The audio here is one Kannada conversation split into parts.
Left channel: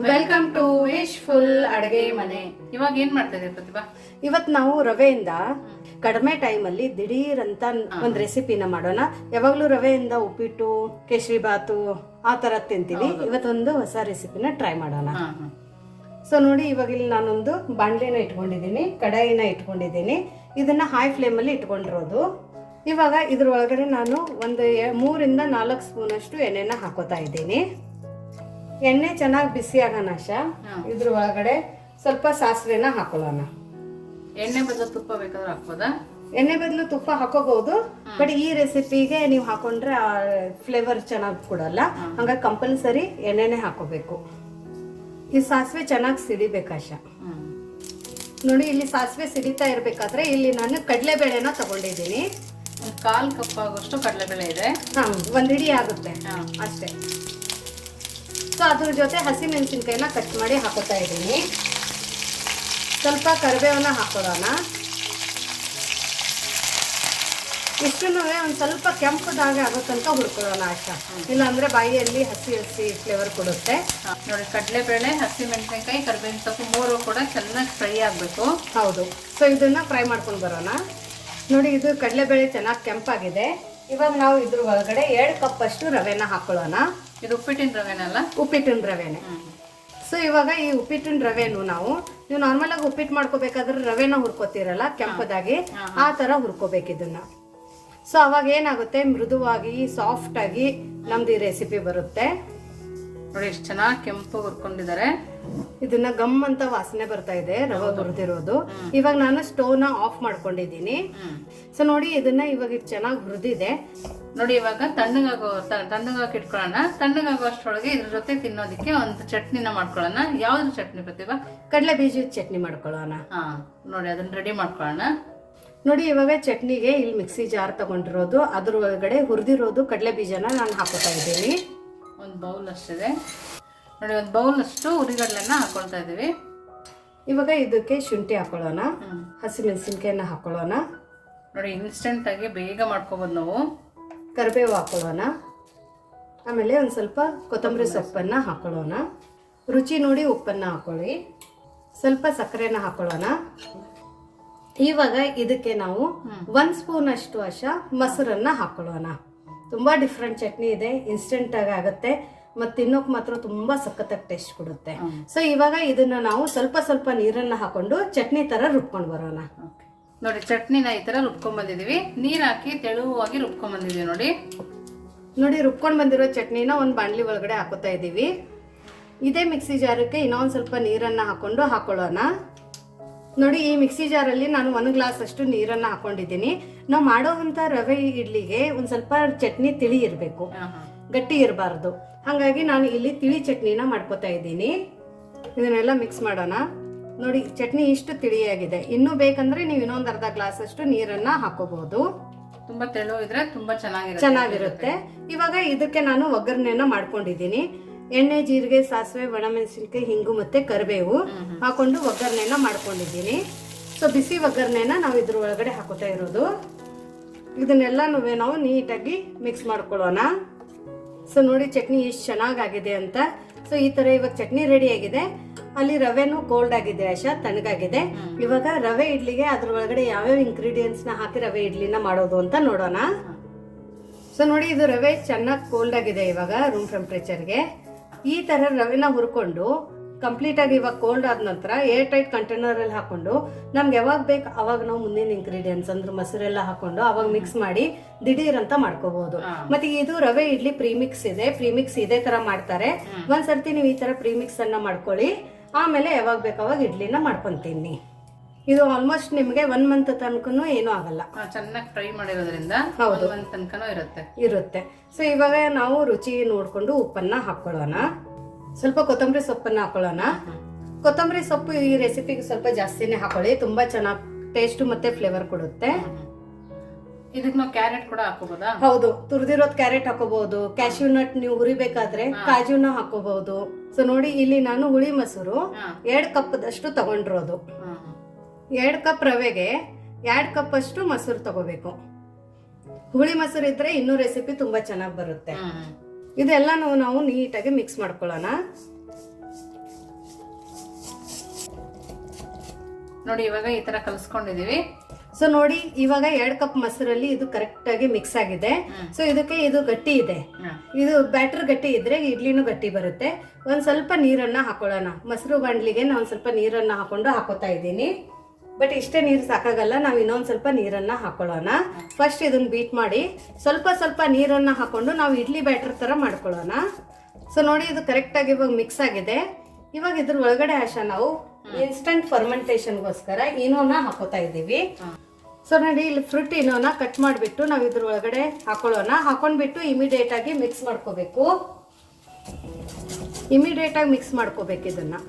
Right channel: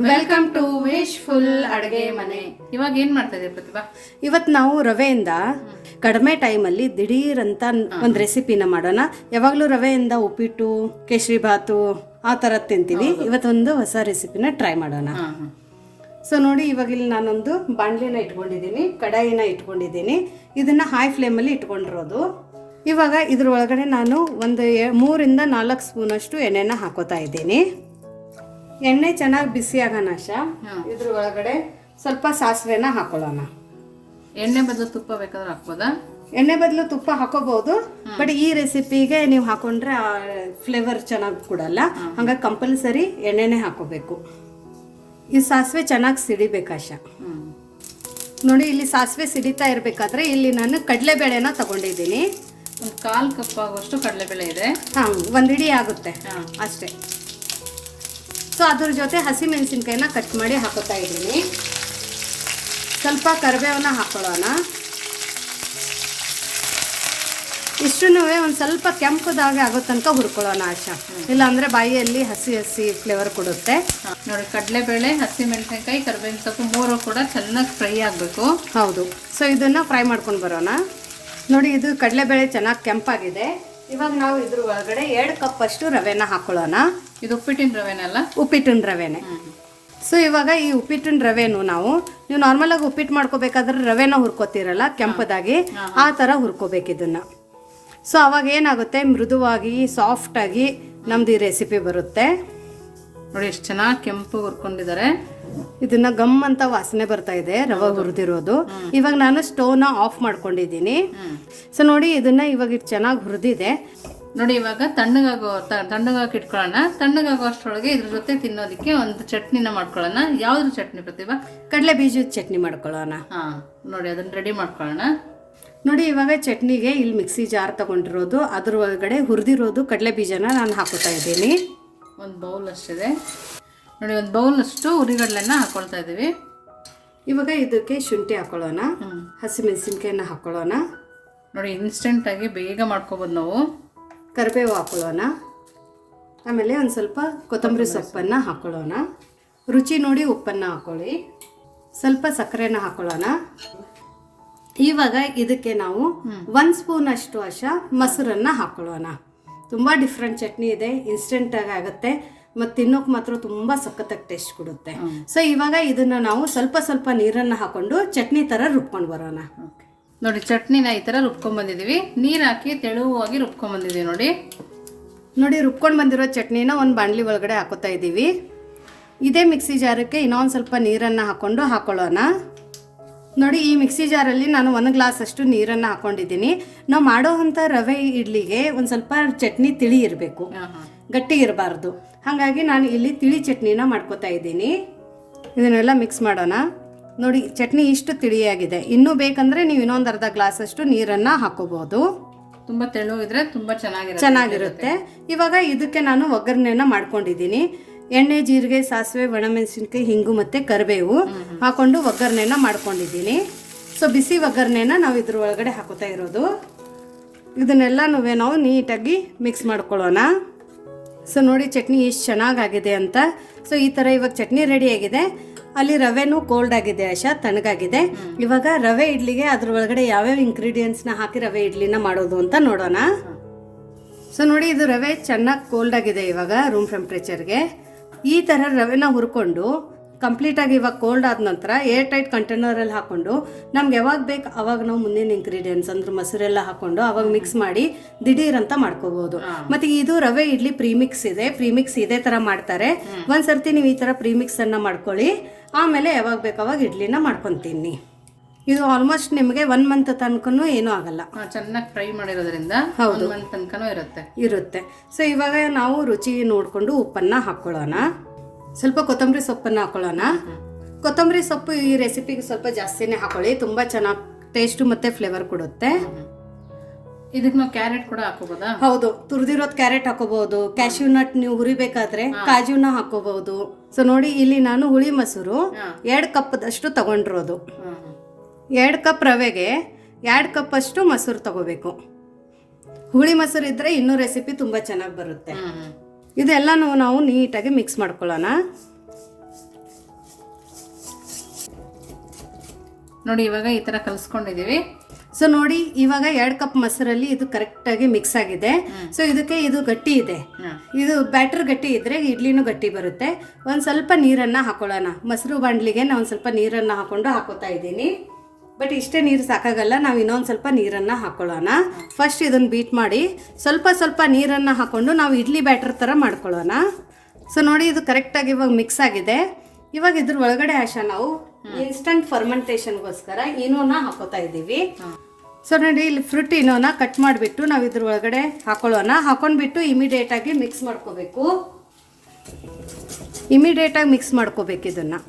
ವೆಲ್ಕಮ್ ಟು ವಿಶ್ಫುಲ್ ಅಡುಗೆ ಮನೆ. ಇವಾಗ ಏನ್ ಮಾಡ್ತಾ ಇದೀವಿ ಪ್ರತಿಭಾ? ಇವತ್ತು ನಾವು ರವೆಯಿಂದ ಕಡಿಮೆ ಟೈಮಲ್ಲಿ ದಿಢೀರ್ ಅಂತ ಒಂದು ರೆಸಿಪಿನ ಮಾಡೋಣ. ಯಾವಾಗಲೂ ರವೆಯಿಂದ ಉಪ್ಪಿಟ್ಟು, ಕೇಸರಿ ಬಾತು ಆ ಥರ ತಿಂತೀವಿ. ಇವತ್ತೊಂದು ಹೊಸ ರೆಸಿಪಿನ ಟ್ರೈ ಮಾಡೋಣ. ಸೊ ನೋಡಿ, ಇವಾಗ ಇಲ್ಲಿ ನಾನೊಂದು ಬಾಣಲೆನ ಇಟ್ಕೊಂಡಿದ್ದೀನಿ, ಕಡಾಯಿನ ಇಟ್ಕೊಂಡಿದ್ದೀನಿ. ಇದನ್ನ ಹೈ ಫ್ಲೇಮಲ್ಲಿ ಇಟ್ಕೊಂಡಿರೋದು. ಇವಾಗ ಇದ್ರ ಒಳಗಡೆ ನಾನು ಒಂದು 3 ಇಂದ 4 ಸ್ಪೂನ್ ಅಷ್ಟು ಎಣ್ಣೆನ ಹಾಕೋತಾ ಇದ್ದೀನಿ. ಎಣ್ಣೆ ಚೆನ್ನಾಗಿ ಬಿಸಿ ಆಗೋಣ. ಇದ್ರ ಒಳಗಡೆ ಸ್ವಲ್ಪ ಸಾಸಿವೆನ ಹಾಕೊಳ್ಳೋಣ. ಎಣ್ಣೆ ಬದಲು ತುಪ್ಪ ಬೇಕಾದ್ರೆ ಹಾಕ್ಬೋದಾ? ಎಣ್ಣೆ ಬದಲು ತುಪ್ಪ ಹಾಕೋಬಹುದು, ಬಟ್ ಈ ರೆಸಿಪಿಗೆ ನೀವು ಹಾಕೊಂಡ್ರೆ ಫ್ಲೇವರ್ ಚೆನ್ನಾಗಿ ಕೊಡಲ್ಲ. ಹಂಗಾಗಿ ಕಂಪಲ್ಸರಿ ಎಣ್ಣೆನೆ ಹಾಕೋಬೇಕು. ಈ ಸಾಸಿವೆ ಚೆನ್ನಾಗಿ ಸಿಡಿಬೇಕಾಶ. ನೋಡಿ, ಇಲ್ಲಿ ಸಾಸಿವೆ ಸಿಡಿತಾ ಇರಬೇಕಾದ್ರೆ ಇಲ್ಲಿ ನಾನು ಕಡಲೆಬೇಳೆನ ತಗೊಂಡಿದ್ದೀನಿ. ಒಂದು 1/4 ಕಪ್ ಆಗುವಷ್ಟು ಕಡಲೆಬೇಳೆ ಇದೆ. ಒಂದು ಹಿಡಿ ಆಗುತ್ತೆ ಅಷ್ಟೇ. ಸೊ ಅದ್ರ ಜೊತೆ ಹಸಿ ಮೆಣಸಿನ್ಕಾಯಿನ ಕಟ್ ಮಾಡಿ ಹಾಕೋತಾ ಇದ್ದೀನಿ. ಸ್ವಲ್ಪ ಕರಿಬೇವನ್ನ ಹಾಕೊಳ್ಳೋಣ. ಇಷ್ಟನ್ನೂ ಒಂದು ಸ್ವಲ್ಪ ಕೆಂಪುದಾಗ ಆಗೋ ತನಕ ಹುರ್ಕೊಳ್ಳೋಣ ಆಶಾ. ಇಲ್ಲಾಂದ್ರೆ ಬಾಯಿಯಲ್ಲಿ ಹಸಿ ಹಸಿ ಫ್ಲೇವರ್ ಕೊಡುತ್ತೆ. ನೋಡಿ, ಕಡಲೆಬೇಳೆ, ಹಸಿ ಮೆಣಸಿನಕಾಯಿ, ಕರಿಬೇವಿನ ಸೊಪ್ಪು 3 ಕೂಡ ಚೆನ್ನಾಗಿ ಫ್ರೈ ಆಗಬೇಕು. ಹೌದು. ಸೊ ಇದನ್ನ ಫ್ರೈ ಮಾಡ್ಕೊಂಡು ಬರೋಣ. ನೋಡಿ, ಇದು ಕಡಲೆಬೇಳೆ ಚೆನ್ನಾಗಿ ಕೆಂಪಾಗಿದೆ. ಇವಾಗ ನಾವು ಇದ್ರ ಒಳಗಡೆ 2 ಕಪ್ ಅಷ್ಟು ರವೆನ ಹಾಕೊಳ್ಳೋಣ. ಇದು ಉಪ್ಪಿಟ್ಟಿನ ರವೆನಲ್ಲ? ಉಪ್ಪಿಟ್ಟಿನ ರವೆನೆ. ಸೊ ಇವಾಗ ಈ ಉಪ್ಪಿಟ್ಟಿನ ರವೆನು ನೀವು ನಾರ್ಮಲ್ ಆಗಿ ಉಪ್ಪಿಟ್ಟು ಮಾಡ್ಕೋಬೇಕಾದ್ರೆ ರವೆನ ಹುರ್ಕೋತಿರಲ್ಲ ಕೆಂಪದಾಗಿ, ಆ ತರ ಹುರ್ಕೋಬೇಕು ಇದನ್ನ. ಸೊ ಅವಾಗ ಏನಾಗುತ್ತೆ, ಮೃದುವಾಗಿ ಸಾಫ್ಟ್ ಆಗಿ ನಮ್ದು ಈ ರೆಸಿಪಿ ಬರುತ್ತೆ. ನೋಡಿ, ಎಷ್ಟು ಚೆನ್ನಾಗಿ ಕೆಂಪು ಹುರ್ಕೊಂಡಿದ್ದಾರೆ. ಇದನ್ನ ಗಮ್ ಅಂತ ವಾಸನೆ ಬರ್ತಾ ಇದೆ ರವೆ ಹುರಿದಿರೋದು. ಇವಾಗ ನಾನು ಸ್ಟವ್ನ ಆಫ್ ಮಾಡ್ಕೊಂಡಿದ್ದೀನಿ. ಸೊ ನೋಡಿ, ಇದನ್ನ ಇವಾಗ ಚೆನ್ನಾಗಿ ಹುರಿದಿದೆ. ನೋಡಿ, ಇವಾಗ ತಣ್ಣಗಾಗಿ ಇಟ್ಕೊಳ್ಳೋಣ. ತಣ್ಣಗಾಗೋ ಅಷ್ಟರೊಳಗೆ ಇದ್ರ ಜೊತೆ ತಿನ್ನೋದಕ್ಕೆ ಒಂದು ಚಟ್ನಿನ ಮಾಡ್ಕೊಳ್ಳೋಣ. ಯಾವ್ದು ಚಟ್ನಿ ಪ್ರತಿಭಾ? ಕಡಲೆ ಬೀಜದ ಚಟ್ನಿ ಮಾಡ್ಕೊಳ್ಳೋಣ. ನೋಡಿ, ಅದನ್ನ ರೆಡಿ ಮಾಡ್ಕೊಳ್ಳೋಣ. ನೋಡಿ, ಇವಾಗ ಚಟ್ನಿಗೆ ಇಲ್ಲಿ ಮಿಕ್ಸಿ ಜಾರ್ ತಗೊಂಡಿರೋದು, ಅದ್ರ ಒಳಗಡೆ ಹುರಿದಿರೋದು ಕಡಲೆ ಬೀಜನ ನಾನು ಹಾಕೋತಾ ಇದ್ದೀನಿ. ಒಂದು ಬೌಲ್ ಅಷ್ಟಿದೆ. ನೋಡಿ, ಒಂದು ಬೌಲ್ ಅಷ್ಟು ಹುರಿಗಡಲೆನ ಹಾಕೊಳ್ತಾ ಇದ್ದೀವಿ. ಇವಾಗ ಇದಕ್ಕೆ ಶುಂಠಿ ಹಾಕೊಳ್ಳೋಣ, ಹಸಿಮೆಣಸಿನ್ಕಾಯಿನ ಹಾಕೊಳ್ಳೋಣ. ನೋಡಿ, ಇನ್ಸ್ಟೆಂಟ್ ಆಗಿ ಬೇಗ ಮಾಡ್ಕೋಬೋದು ನಾವು. ಕರಿಬೇವು ಹಾಕೊಳ್ಳೋಣ. ಆಮೇಲೆ ಒಂದು ಸ್ವಲ್ಪ ಕೊತ್ತಂಬರಿ ಸೊಪ್ಪನ್ನು ಹಾಕೊಳ್ಳೋಣ. ರುಚಿ ನೋಡಿ ಉಪ್ಪನ್ನು ಹಾಕೊಳ್ಳಿ. ಸ್ವಲ್ಪ ಸಕ್ಕರೆನ ಹಾಕೊಳ್ಳೋಣ. ಇವಾಗ ಇದಕ್ಕೆ ನಾವು 1 ಸ್ಪೂನ್ ಅಷ್ಟು ಮೊಸರನ್ನ ಹಾಕೊಳ್ಳೋಣ. ತುಂಬ ಡಿಫ್ರೆಂಟ್ ಚಟ್ನಿ ಇದೆ, ಇನ್ಸ್ಟೆಂಟ್ ಆಗಿ ಆಗುತ್ತೆ ಮತ್ತು ತಿನ್ನೋಕೆ ಮಾತ್ರ ತುಂಬ ಸಖತ್ತಾಗಿ ಟೇಸ್ಟ್ ಕೊಡುತ್ತೆ. ಸೊ ಇವಾಗ ಇದನ್ನ ನಾವು ಸ್ವಲ್ಪ ಸ್ವಲ್ಪ ನೀರನ್ನು ಹಾಕೊಂಡು ಚಟ್ನಿ ಥರ ರುಬ್ಕೊಂಡು ಬರೋಣ. ನೋಡಿ, ಚಟ್ನಿನ ಈ ಥರ ರುಬ್ಕೊಂಡ್ಬಂದಿದ್ದೀವಿ. ನೀರು ಹಾಕಿ ತೆಳುವಾಗಿ ರುಬ್ಕೊಂಡ್ಬಂದಿದ್ದೀವಿ. ನೋಡಿ, ರುಬ್ಕೊಂಡು ಬಂದಿರೋ ಚಟ್ನಿನ ಒಂದು ಬಾಣಲಿ ಒಳಗಡೆ ಹಾಕೋತಾ ಇದ್ದೀವಿ. ಇದೇ ಮಿಕ್ಸಿ ಜಾರಕ್ಕೆ ಇನ್ನೊಂದು ಸ್ವಲ್ಪ ನೀರನ್ನು ಹಾಕೊಳ್ಳೋಣ. ನೋಡಿ, ಈ ಮಿಕ್ಸಿ ಜಾರಲ್ಲಿ ನಾನು 1 ಗ್ಲಾಸ್ ಅಷ್ಟು ನೀರನ್ನು ಹಾಕೊಂಡಿದ್ದೀನಿ. ನಾವು ಮಾಡೋ ಅಂಥ ರವೆ ಇಡ್ಲಿಗೆ ಒಂದು ಸ್ವಲ್ಪ ಚಟ್ನಿ ತಿಳಿ ಇರಬೇಕು, ಗಟ್ಟಿ ಇರಬಾರ್ದು. ಹಾಗಾಗಿ ನಾನು ಇಲ್ಲಿ ತಿಳಿ ಚಟ್ನಿನ ಮಾಡ್ಕೋತಾ ಇದ್ದೀನಿ. ಇದನ್ನೆಲ್ಲ ಮಿಕ್ಸ್ ಮಾಡೋಣ. ನೋಡಿ, ಚಟ್ನಿ ಇಷ್ಟು ತಿಳಿಯಾಗಿದೆ. ಇನ್ನೂ ಬೇಕಂದ್ರೆ ನೀವು ಇನ್ನೊಂದು ಅರ್ಧ ಗ್ಲಾಸ್ ಅಷ್ಟು ನೀರನ್ನು ಹಾಕೋಬಹುದು. ತುಂಬ ತೆಳುವಿದ್ರೆ ತುಂಬ ಚೆನ್ನಾಗಿರುತ್ತೆ. ಇವಾಗ ಇದಕ್ಕೆ ನಾನು ಒಗ್ಗರಣೆನ ಮಾಡ್ಕೊಂಡಿದ್ದೀನಿ. ಎಣ್ಣೆ, ಜೀರಿಗೆ, ಸಾಸಿವೆ, ಒಣಮೆಣಸಿನ್ಕಾಯಿ, ಹಿಂಗು ಮತ್ತು ಕರಿಬೇವು ಹಾಕೊಂಡು ಒಗ್ಗರಣೆನ ಮಾಡ್ಕೊಂಡಿದ್ದೀನಿ. ಸೊ ಬಿಸಿ ಒಗ್ಗರಣೆನ ನಾವು ಇದ್ರ ಒಳಗಡೆ ಹಾಕೋತಾ ಇರೋದು. ಇದನ್ನೆಲ್ಲ ನಾವು ನೀಟಾಗಿ ಮಿಕ್ಸ್ ಮಾಡ್ಕೊಳ್ಳೋಣ. ಸೊ ನೋಡಿ, ಚಟ್ನಿ ಎಷ್ಟು ಚೆನ್ನಾಗಾಗಿದೆ ಅಂತ. ಸೊ ಈ ಥರ ಇವಾಗ ಚಟ್ನಿ ರೆಡಿ ಆಗಿದೆ. ಅಲ್ಲಿ ರವೆನೂ ಕೋಲ್ಡ್ ಆಗಿದೆ ತಣ್ಣಗಾಗಿದೆ. ಇವಾಗ ರವೆ ಇಡ್ಲಿಗೆ ಅದ್ರ ಒಳಗಡೆ ಯಾವ್ಯಾವ ಇಂಗ್ರೀಡಿಯೆಂಟ್ಸ್ನ ಹಾಕಿ ರವೆ ಇಡ್ಲಿನ ಮಾಡೋದು ಅಂತ ನೋಡೋಣ. ಸೊ ನೋಡಿ, ಇದು ರವೆ ಚೆನ್ನಾಗಿ ಕೋಲ್ಡ್ ಆಗಿದೆ ಇವಾಗ ರೂಮ್ ಟೆಂಪ್ರೇಚರ್ಗೆ. ಈ ಥರ ರವೆನ ಹುರ್ಕೊಂಡು ಕಂಪ್ಲೀಟಾಗಿ ಇವಾಗ ಕೋಲ್ಡ್ ಆದ ನಂತರ ಏರ್ ಟೈಟ್ ಕಂಟೈನರಲ್ಲಿ ಹಾಕೊಂಡು ನಮ್ಗೆ ಯಾವಾಗ ಬೇಕು ಅವಾಗ ನಾವು ಮುಂದಿನ ಇಂಗ್ರೀಡಿಯೆಂಟ್ಸ್ ಅಂದ್ರೆ ಮೊಸರೆಲ್ಲ ಹಾಕೊಂಡು ಅವಾಗ ಮಿಕ್ಸ್ ಮಾಡಿ ದಿಢೀರ್ ಅಂತ ಮಾಡ್ಕೋಬಹುದು. ಮತ್ತೆ ಇದು ರವೆ ಇಡ್ಲಿ ಪ್ರೀಮಿಕ್ಸ್ ಇದೇ ಥರ ಮಾಡ್ತಾರೆ. ಒಂದ್ಸರ್ತಿ ನೀವು ಈ ಥರ ಪ್ರೀಮಿಕ್ಸ್ ಅನ್ನ ಮಾಡ್ಕೊಳ್ಳಿ. ಆಮೇಲೆ ಯಾವಾಗ ಬೇಕು ಅವಾಗ ಇಡ್ಲಿನ ಮಾಡ್ಕೊತೀನಿ. ಇದು ಆಲ್ಮೋಸ್ಟ್ ನಿಮಗೆ 1 ಮಂತ್ ತನಕನೂ ಏನೂ ಆಗಲ್ಲ. ಚೆನ್ನಾಗಿ ಫ್ರೈ ಮಾಡಿರೋದ್ರಿಂದ 1 ಮಂತ್ ತನಕನೂ ಇರುತ್ತೆ. ಸೊ ಇವಾಗ ನಾವು ರುಚಿ ನೋಡಿಕೊಂಡು ಉಪ್ಪನ್ನು ಹಾಕೊಳ್ಳೋಣ. ಸ್ವಲ್ಪ ಕೊತ್ತಂಬರಿ ಸೊಪ್ಪನ್ನು ಹಾಕೊಳ್ಳೋಣ. ಕೊತ್ತಂಬರಿ ಸೊಪ್ಪು ಈ ರೆಸಿಪಿಗೆ ಸ್ವಲ್ಪ ಜಾಸ್ತಿನೇ ಹಾಕೊಳ್ಳಿ, ತುಂಬ ಚೆನ್ನಾಗಿ ಟೇಸ್ಟು ಮತ್ತು ಫ್ಲೇವರ್ ಕೊಡುತ್ತೆ. ಇದಕ್ಕೆ ನಾವು ಕ್ಯಾರೆಟ್ ಕೂಡ ಹಾಕೋಬಹುದಾ? ಹೌದು, ತುರಿದಿರೋದು ಕ್ಯಾರೆಟ್ ಹಾಕೋಬಹುದು. ಕ್ಯಾಶ್ಯೂ ನಟ್ ನೀವು ಹುರಿಬೇಕಾದ್ರೆ ಕಾಜುನ ಹಾಕೋಬಹುದು. ಸೊ ನೋಡಿ, ಇಲ್ಲಿ ನಾನು ಹುಳಿ ಮೊಸರು 2 ಕಪ್ ಅಷ್ಟು ತಗೊಂಡಿರೋದು. 2 ಕಪ್ ರವೆಗೆ 2 ಕಪ್ ಅಷ್ಟು ಮೊಸರು ತಗೋಬೇಕು. ಹುಳಿ ಮೊಸರು ಇದ್ರೆ ಇನ್ನೂ ರೆಸಿಪಿ ತುಂಬಾ ಚೆನ್ನಾಗಿ ಬರುತ್ತೆ. ಇದೆಲ್ಲನೂ ನಾವು ನೀಟಾಗಿ ಮಿಕ್ಸ್ ಮಾಡ್ಕೊಳ್ಳೋಣ. ನೋಡಿ ಇವಾಗ ಈ ಥರ ಕಲಿಸ್ಕೊಂಡಿದ್ದೀವಿ. ಸೊ ನೋಡಿ ಇವಾಗ 2 ಕಪ್ ಮೊಸರಲ್ಲಿ ಇದು ಕರೆಕ್ಟಾಗಿ ಮಿಕ್ಸ್ ಆಗಿದೆ. ಸೊ ಇದಕ್ಕೆ ಇದು ಗಟ್ಟಿ ಇದೆ, ಇದು ಬ್ಯಾಟರ್ ಗಟ್ಟಿ ಇದ್ರೆ ಇಡ್ಲಿನೂ ಗಟ್ಟಿ ಬರುತ್ತೆ. ಒಂದು ಸ್ವಲ್ಪ ನೀರನ್ನು ಹಾಕೊಳ್ಳೋಣ. ಮೊಸರು ಬಾಂಡ್ಲಿಗೆ ನಾನು ಸ್ವಲ್ಪ ನೀರನ್ನು ಹಾಕೊಂಡು ಹಾಕೋತಾ ಇದ್ದೀನಿ. ಬಟ್ ಇಷ್ಟೇ ನೀರು ಸಾಕಾಗಲ್ಲ, ನಾವು ಇನ್ನೊಂದು ಸ್ವಲ್ಪ ನೀರನ್ನು ಹಾಕೊಳ್ಳೋಣ. ಫಸ್ಟ್ ಇದನ್ನು ಬೀಟ್ ಮಾಡಿ ಸ್ವಲ್ಪ ಸ್ವಲ್ಪ ನೀರನ್ನು ಹಾಕೊಂಡು ನಾವು ಇಡ್ಲಿ ಬ್ಯಾಟರ್ ಥರ ಮಾಡ್ಕೊಳ್ಳೋಣ. ಸೊ ನೋಡಿ ಇದು ಕರೆಕ್ಟಾಗಿ ಇವಾಗ ಮಿಕ್ಸ್ ಆಗಿದೆ. ಇವಾಗ ಇದ್ರ ಒಳಗಡೆ ನಾವು ಇನ್ಸ್ಟಂಟ್ ಫರ್ಮೆಂಟೇಷನ್ಗೋಸ್ಕರ ಈನೋನ ಹಾಕೋತಾ ಇದ್ದೀವಿ. ಸೊ ನೋಡಿ ಇಲ್ಲಿ ಫ್ರೂಟ್ ಈನೋನ ಕಟ್ ಮಾಡಿಬಿಟ್ಟು ನಾವು ಇದ್ರ ಒಳಗಡೆ ಹಾಕೊಳ್ಳೋಣ. ಹಾಕೊಂಡ್ಬಿಟ್ಟು ಇಮಿಡಿಯೇಟಾಗಿ ಮಿಕ್ಸ್ ಮಾಡ್ಕೋಬೇಕು. ಇಮಿಡಿಯೇಟಾಗಿ ಮಿಕ್ಸ್ ಮಾಡ್ಕೋಬೇಕು ಇದನ್ನು.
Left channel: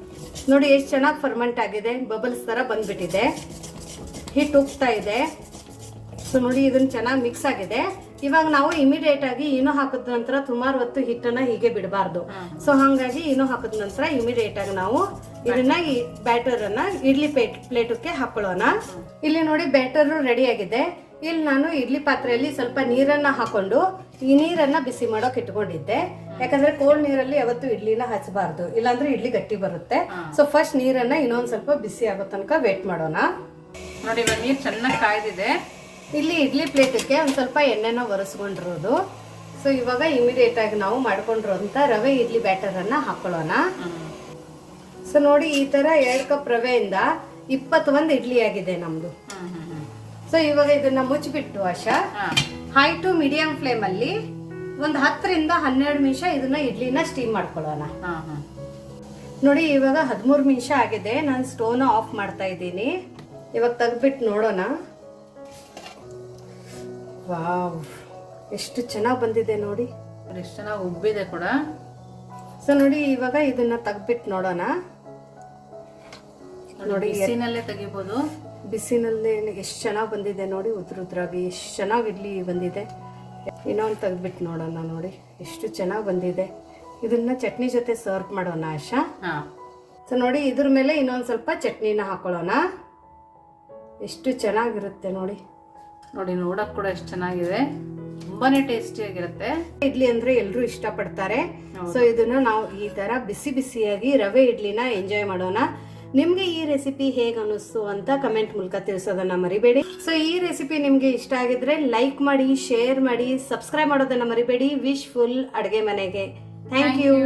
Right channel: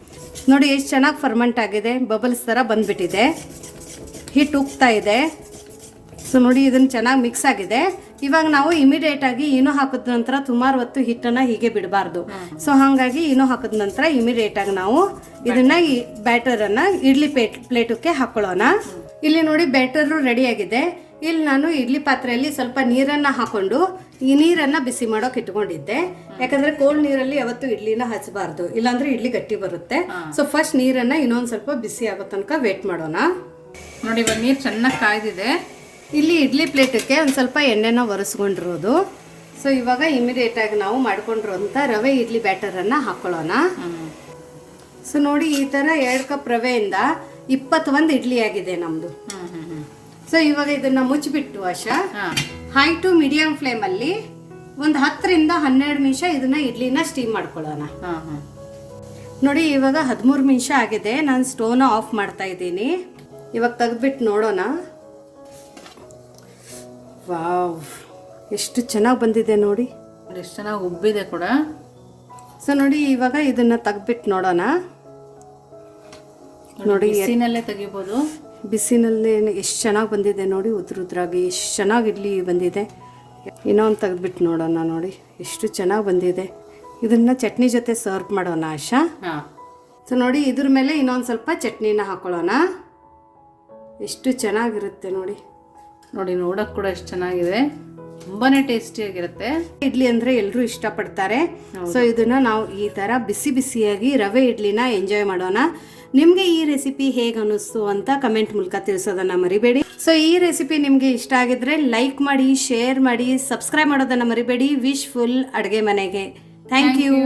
ನೋಡಿ ಎಷ್ಟು ಚೆನ್ನಾಗಿ ಫರ್ಮೆಂಟ್ ಆಗಿದೆ, ಬಬಲ್ಸ್ ಥರ ಬಂದ್ಬಿಟ್ಟಿದೆ, ಹಿಟ್ಟು ಉಗ್ತಾ ಇದೆ. ಸೊ ನೋಡಿ ಇದನ್ನು ಚೆನ್ನಾಗಿ ಮಿಕ್ಸ್ ಆಗಿದೆ. ಇವಾಗ ನಾವು ಇಮಿಡಿಯೇಟಾಗಿ ಈನೋ ಹಾಕಿದ ನಂತರ ಸುಮಾರು ಹೊತ್ತು ಹಿಟ್ಟನ್ನು ಹೀಗೆ ಬಿಡಬಾರ್ದು. ಸೊ ಹಾಗಾಗಿ ಈನೋ ಹಾಕಿದ ನಂತರ ಇಮಿಡಿಯೇಟಾಗಿ ನಾವು ಇದನ್ನು ಈ ಬ್ಯಾಟರನ್ನು ಇಡ್ಲಿ ಪ್ಲೇಟಕ್ಕೆ ಹಾಕೊಳ್ಳೋಣ. ಇಲ್ಲಿ ನೋಡಿ ಬ್ಯಾಟರು ರೆಡಿಯಾಗಿದೆ. ಇಲ್ಲಿ ನಾನು ಇಡ್ಲಿ ಪಾತ್ರೆಯಲ್ಲಿ ಸ್ವಲ್ಪ ನೀರನ್ನು ಹಾಕೊಂಡು ಈ ನೀರನ್ನು ಬಿಸಿ ಮಾಡೋಕೆ ಇಟ್ಕೊಂಡಿದ್ದೆ. ಯಾಕಂದರೆ ಕೋಲ್ಡ್ ನೀರಲ್ಲಿ ಯಾವತ್ತೂ ಇಡ್ಲಿನ ಹಚ್ಚಬಾರ್ದು, ಇಲ್ಲಾಂದ್ರೆ ಇಡ್ಲಿ ಗಟ್ಟಿ ಬರುತ್ತೆ. ಸೊ ಫಸ್ಟ್ ನೀರನ್ನು ಇನ್ನೊಂದು ಸ್ವಲ್ಪ ಬಿಸಿ ಆಗೋ ತನಕ ವೇಟ್ ಮಾಡೋಣ. ನೋಡಿ ಇವಾಗ ನೀರು ಚೆನ್ನಾಗಿ ಕಾಯ್ದಿದೆ. ಇಲ್ಲಿ ಇಡ್ಲಿ ಪ್ಲೇಟಕ್ಕೆ ಒಂದು ಸ್ವಲ್ಪ ಎಣ್ಣೆನ ಒರೆಸ್ಕೊಂಡಿರೋದು. ಸೊ ಇವಾಗ ಇಮಿಡಿಯೇಟಾಗಿ ನಾವು ಮಾಡ್ಕೊಂಡಿರೋಂಥ ರವೆ ಇಡ್ಲಿ ಬ್ಯಾಟರನ್ನು ಹಾಕೊಳ್ಳೋಣ. ಸೊ ನೋಡಿ ಈ ಥರ 2 ಕಪ್ ರವೆಯಿಂದ 21 ಇಡ್ಲಿ ಆಗಿದೆ ನಮ್ಮದು. ಸೊ ಇವಾಗ ಇದನ್ನು ಮುಚ್ಚಿಬಿಟ್ಟು ಆಶಾ ಹೈ ಟು ಮೀಡಿಯಂ ಫ್ಲೇಮಲ್ಲಿ ಒಂದು 10 ರಿಂದ 12 ನಿಮಿಷ ಇದನ್ನು ಇಡ್ಲಿನ ಸ್ಟೀಮ್ ಮಾಡ್ಕೊಳ್ಳೋಣ. ನೋಡಿ ಇವಾಗ 13 ನಿಮಿಷ ಆಗಿದೆ. ನಾನು ಸ್ಟೋವ್ನ ಆಫ್ ಮಾಡ್ತಾ ಇದ್ದೀನಿ. ಇವಾಗ ತೆಗೆದ್ಬಿಟ್ಟು ನೋಡೋಣ. ವಾವ್, ಎಷ್ಟು ಚೆನ್ನಾಗಿ ಬಂದಿದೆ ನೋಡಿ, ಎಷ್ಟು ಚೆನ್ನಾಗಿ ಉಬ್ಬಿದೆ ಕೂಡ. ಸೊ ನೋಡಿ ಇವಾಗ ಇದನ್ನ ತೆಗೆದ್ಬಿಟ್ಟು ನೋಡೋಣ. ನೋಡಿ ಬಿಸಿನಲ್ಲೇ ತೆಗಿಬೋದು, ಬಿಸಿನಲ್ಲೇ ಎಷ್ಟು ಚೆನ್ನಾಗಿ ಬಂದಿದೆ ನೋಡಿ, ಉದ್ರಾಗಿ ಎಷ್ಟು ಚೆನ್ನಾಗಿ ಇಡ್ಲಿ ಬಂದಿದೆ. ಇನ್ನೊಂದು ತೆಗೆದ್ಬಿಟ್ಟು ನೋಡೋಣ. ನೋಡಿ ಎಷ್ಟು ಚೆನ್ನಾಗಿ ಬಂದಿದೆ. ಇದನ್ನ ಚಟ್ನಿ ಜೊತೆ ಸರ್ವ್ ಮಾಡೋಣ ಆಶಾ. ಸೊ ನೋಡಿ ಇದ್ರ ಮೇಲೆ ಇನ್ನೊಂದು ಸ್ವಲ್ಪ ಚಟ್ನಿನ ಹಾಕೊಳ್ಳೋಣ. ಎಷ್ಟು ಚೆನ್ನಾಗಿರುತ್ತೆ ನೋಡಿ. ನೋಡಿ ನೋಡೋಕೆ ಕೂಡ ಎಷ್ಟು ಚೆನ್ನಾಗಿದೆ, ತುಂಬಾನೇ ಟೇಸ್ಟಿಯಾಗಿರುತ್ತೆ. ಇಡ್ಲಿ ಅಂದರೆ ಎಲ್ಲರೂ ಇಷ್ಟಪಡ್ತಾರೆ. ಸೊ ಇದನ್ನ ನಾವು ಈ ಥರ ಬಿಸಿ ಬಿಸಿಯಾಗಿ ರವೆ ಇಡ್ಲಿನ ಎಂಜಾಯ್ ಮಾಡೋಣ. ನಿಮಗೆ ಈ ರೆಸಿಪಿ ಹೇಗೆ ಅನ್ನಿಸ್ತು ಅಂತ ಕಮೆಂಟ್ ಮೂಲಕ ತಿಳಿಸೋದನ್ನು ಮರಿಬೇಡಿ. ಸೊ ಈ ರೆಸಿಪಿ ನಿಮಗೆ ಇಷ್ಟ ಆಗಿದ್ರೆ ಲೈಕ್ ಮಾಡಿ, ಶೇರ್ ಮಾಡಿ, ಸಬ್ಸ್ಕ್ರೈಬ್ ಮಾಡೋದನ್ನು ಮರಿಬೇಡಿ. ವಿಶ್ ಫುಲ್ ಅಡುಗೆ ಮನೆಗೆ. Thank you.